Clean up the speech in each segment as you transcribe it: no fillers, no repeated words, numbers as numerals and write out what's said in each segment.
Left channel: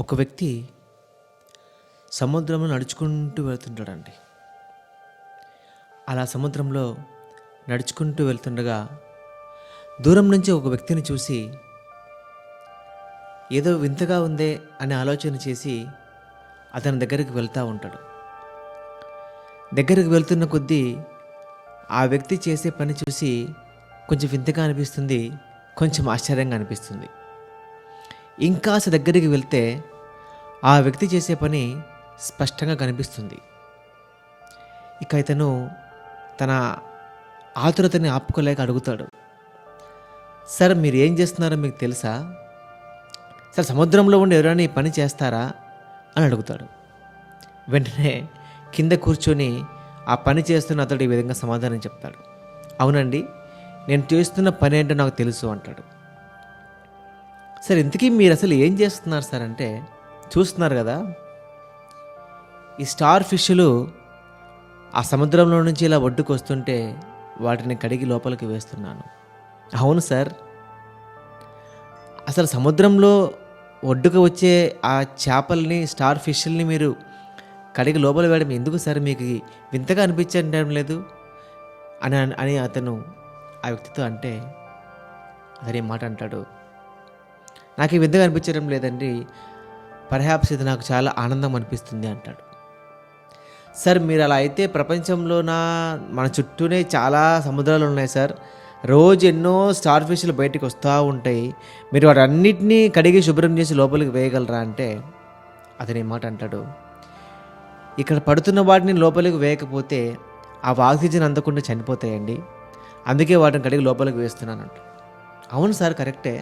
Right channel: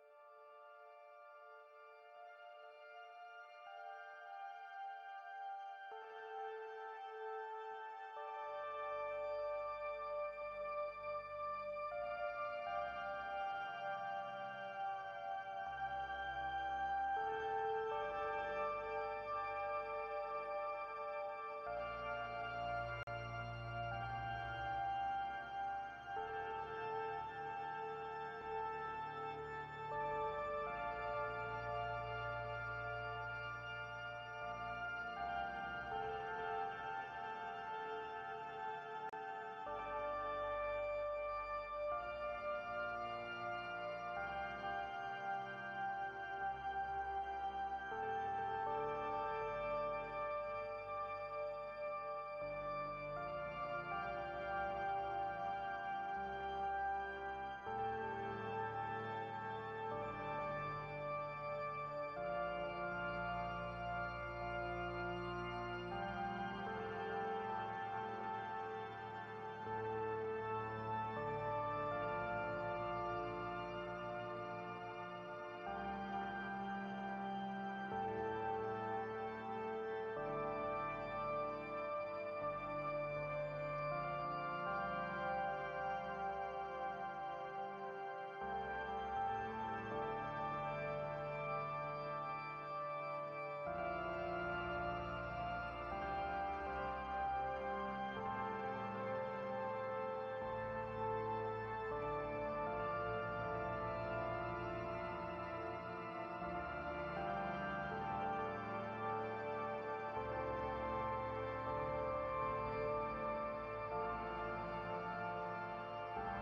ఒక వ్యక్తి సముద్రంలో నడుచుకుంటూ వెళ్తుంటాడండి. అలా సముద్రంలో నడుచుకుంటూ వెళ్తుండగా దూరం నుంచి ఒక వ్యక్తిని చూసి ఏదో వింతగా ఉందే అనే ఆలోచన చేసి అతని దగ్గరికి వెళ్తూ ఉంటాడు. దగ్గరికి వెళ్తున్న కొద్దీ ఆ వ్యక్తి చేసే పని చూసి కొంచెం వింతగా అనిపిస్తుంది, కొంచెం ఆశ్చర్యంగా అనిపిస్తుంది. ఇంకాస్త దగ్గరికి వెళ్తే ఆ వ్యక్తి చేసే పని స్పష్టంగా కనిపిస్తుంది. ఇక ఇతను తన ఆతురతని ఆపుకోలేక అడుగుతాడు, సార్ మీరు ఏం చేస్తున్నారో మీకు తెలుసా? సార్ సముద్రంలో ఉండి ఎవరైనా ఈ పని చేస్తారా అని అడుగుతాడు. వెంటనే కింద కూర్చొని ఆ పని చేస్తున్న అతడు ఈ విధంగా సమాధానం చెప్తాడు, అవునండి, నేను చేస్తున్న పని ఏంటో నాకు తెలుసు అంటాడు. సార్ ఇంతకీ మీరు అసలు ఏం చేస్తున్నారు సార్ అంటే, చూస్తున్నారు కదా ఈ స్టార్ ఫిష్లు ఆ సముద్రంలో నుంచి ఇలా ఒడ్డుకు వస్తుంటే వాటిని కడిగి లోపలికి వేస్తున్నాను. అవును సార్, అసలు సముద్రంలో ఒడ్డుకు వచ్చే ఆ చేపల్ని స్టార్ ఫిష్ల్ని మీరు కడిగి లోపల వేయడం ఎందుకు సార్, మీకు వింతగా అనిపించడం లేదు అని అని అతను ఆ వ్యక్తితో అంటే, అతని మాట అంటాడు, నాకు ఈ వింతగా అనిపించడం లేదండి, పర్హాప్స్ ఇది నాకు చాలా ఆనందం అనిపిస్తుంది అంటాడు. సార్ మీరు అలా అయితే ప్రపంచంలోన మన చుట్టూనే చాలా సముద్రాలు ఉన్నాయి సార్, రోజు ఎన్నో స్టార్ ఫిష్లు బయటికి వస్తూ ఉంటాయి, మీరు వాటన్నిటినీ కడిగి శుభ్రం చేసి లోపలికి వేయగలరా అంటే అతని మాట అంటాడు, ఇక్కడ పడుతున్న వాటిని లోపలికి వేయకపోతే అవి ఆక్సిజన్ అందకుండా చనిపోతాయండి, అందుకే వాటిని కడిగి లోపలికి వేస్తున్నానంట. అవును సార్ కరెక్టే,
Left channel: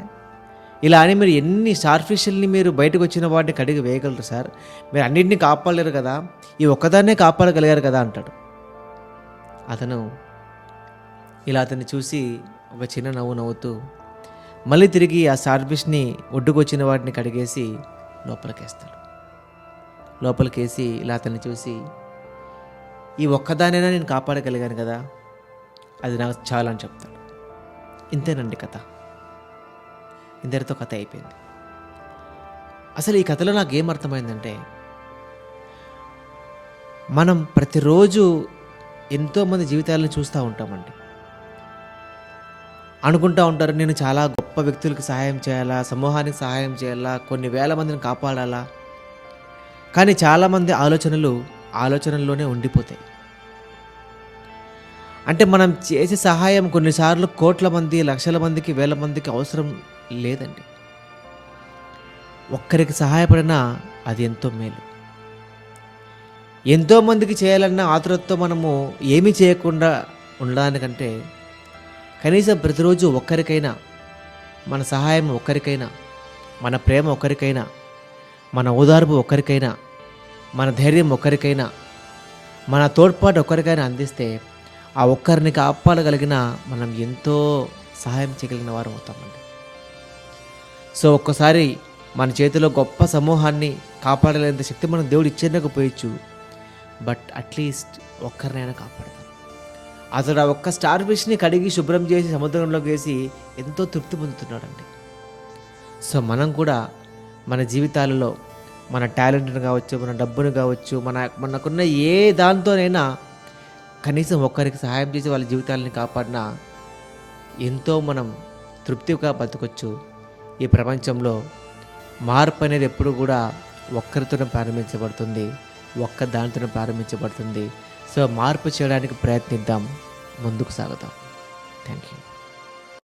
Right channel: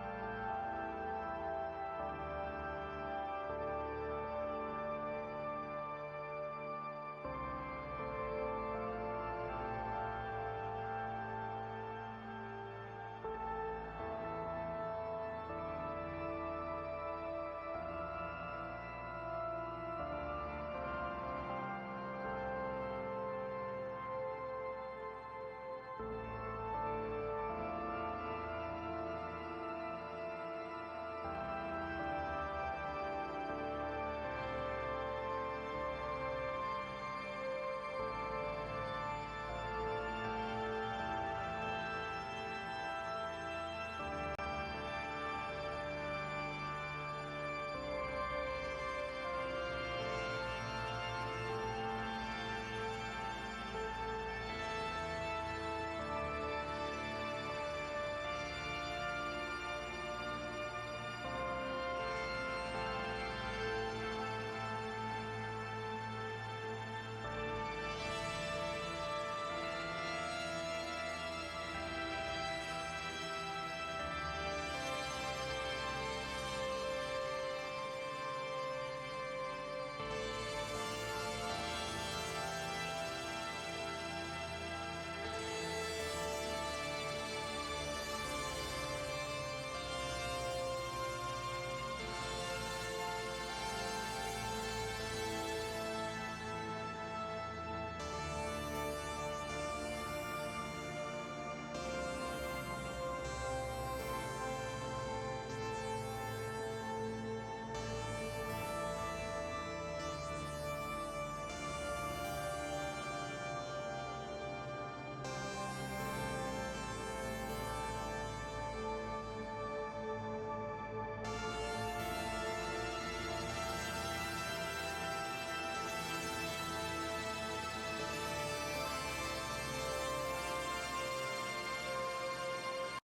ఇలా అని మీరు ఎన్ని స్టార్ ఫిష్ల్ని మీరు బయటకు వచ్చిన వాటిని కడిగి వేయగలరు సార్, మీరు అన్నింటినీ కాపాడలేరు కదా, ఈ ఒక్కదాన్నే కాపాడగలిగారు కదా అంటాడు. అతను ఇలా అతన్ని చూసి ఒక చిన్న నవ్వు నవ్వుతూ మళ్ళీ తిరిగి ఆ స్టార్ ఫిష్ని ఒడ్డుకు వచ్చిన వాటిని కడిగేసి లోపలికేస్తాడు. లోపలికేసి ఇలా అతన్ని చూసి, ఈ ఒక్కదానైనా నేను కాపాడగలిగాను కదా, అది నాకు చాలా అని చెప్తాడు. ఇంతేనండి కథ, ఇందరితో కథ అయిపోయింది. అసలు ఈ కథలో నాకు ఏం అర్థమైందంటే, మనం ప్రతిరోజు ఎంతోమంది జీవితాలను చూస్తూ ఉంటామండి. అనుకుంటూ ఉంటారు, నేను చాలా గొప్ప వ్యక్తులకి సహాయం చేయాలా, సమూహానికి సహాయం చేయాలా, కొన్ని వేల మందిని కాపాడాలా, కానీ చాలామంది ఆలోచనల్లోనే ఉండిపోతాయి. అంటే మనం చేసే సహాయం కొన్నిసార్లు కోట్ల మంది, లక్షల మందికి, వేల మందికి అవసరం లేదండి. ఒక్కరికి సహాయపడినా అది ఎంతో మేలు. ఎంతోమందికి చేయాలన్న ఆతురతతో మనము ఏమీ చేయకుండా ఉండడానికంటే కనీసం ప్రతిరోజు ఒక్కరికైనా మన సహాయం, ఒక్కరికైనా మన ప్రేమ, ఒక్కరికైనా మన ఓదార్పు, ఒక్కరికైనా మన ధైర్యం, ఒక్కరికైనా మన తోడ్పాటు ఒక్కరికైనా అందిస్తే ఆ ఒక్కరిని కాపాడగలిగిన మనం ఎంతో సహాయం చేయగలిగిన వారు అవుతామండి. సో ఒక్కసారి మన చేతిలో గొప్ప సమూహాన్ని కాపాడలేనంత శక్తి మనం దేవుడు ఇచ్చేందుకు, బట్ అట్లీస్ట్ ఒక్కరినైనా కాపాడతాం. అతడు ఆ ఒక్క స్టార్ ఫిష్ని కడిగి శుభ్రం చేసి సముద్రంలోకి వేసి ఎంతో తృప్తి పొందుతున్నాడండి. సో మనం కూడా మన జీవితాలలో మన టాలెంట్ని కావచ్చు, మన డబ్బును కావచ్చు, మనకున్న ఏ దాంతోనైనా కనీసం ఒక్కరికి సహాయం చేసి వాళ్ళ జీవితాలని కాపాడినా ఎంతో మనం తృప్తిగా బతకొచ్చు. ఈ ప్రపంచంలో మార్పు అనేది ఎప్పుడు కూడా ఒక్కరితోనే ప్రారంభించబడుతుంది, ఒక్క దానితోనే ప్రారంభించబడుతుంది. సో మార్పు చేయడానికి ప్రయత్నిద్దాం, ముందుకు సాగుదాం. Thank you.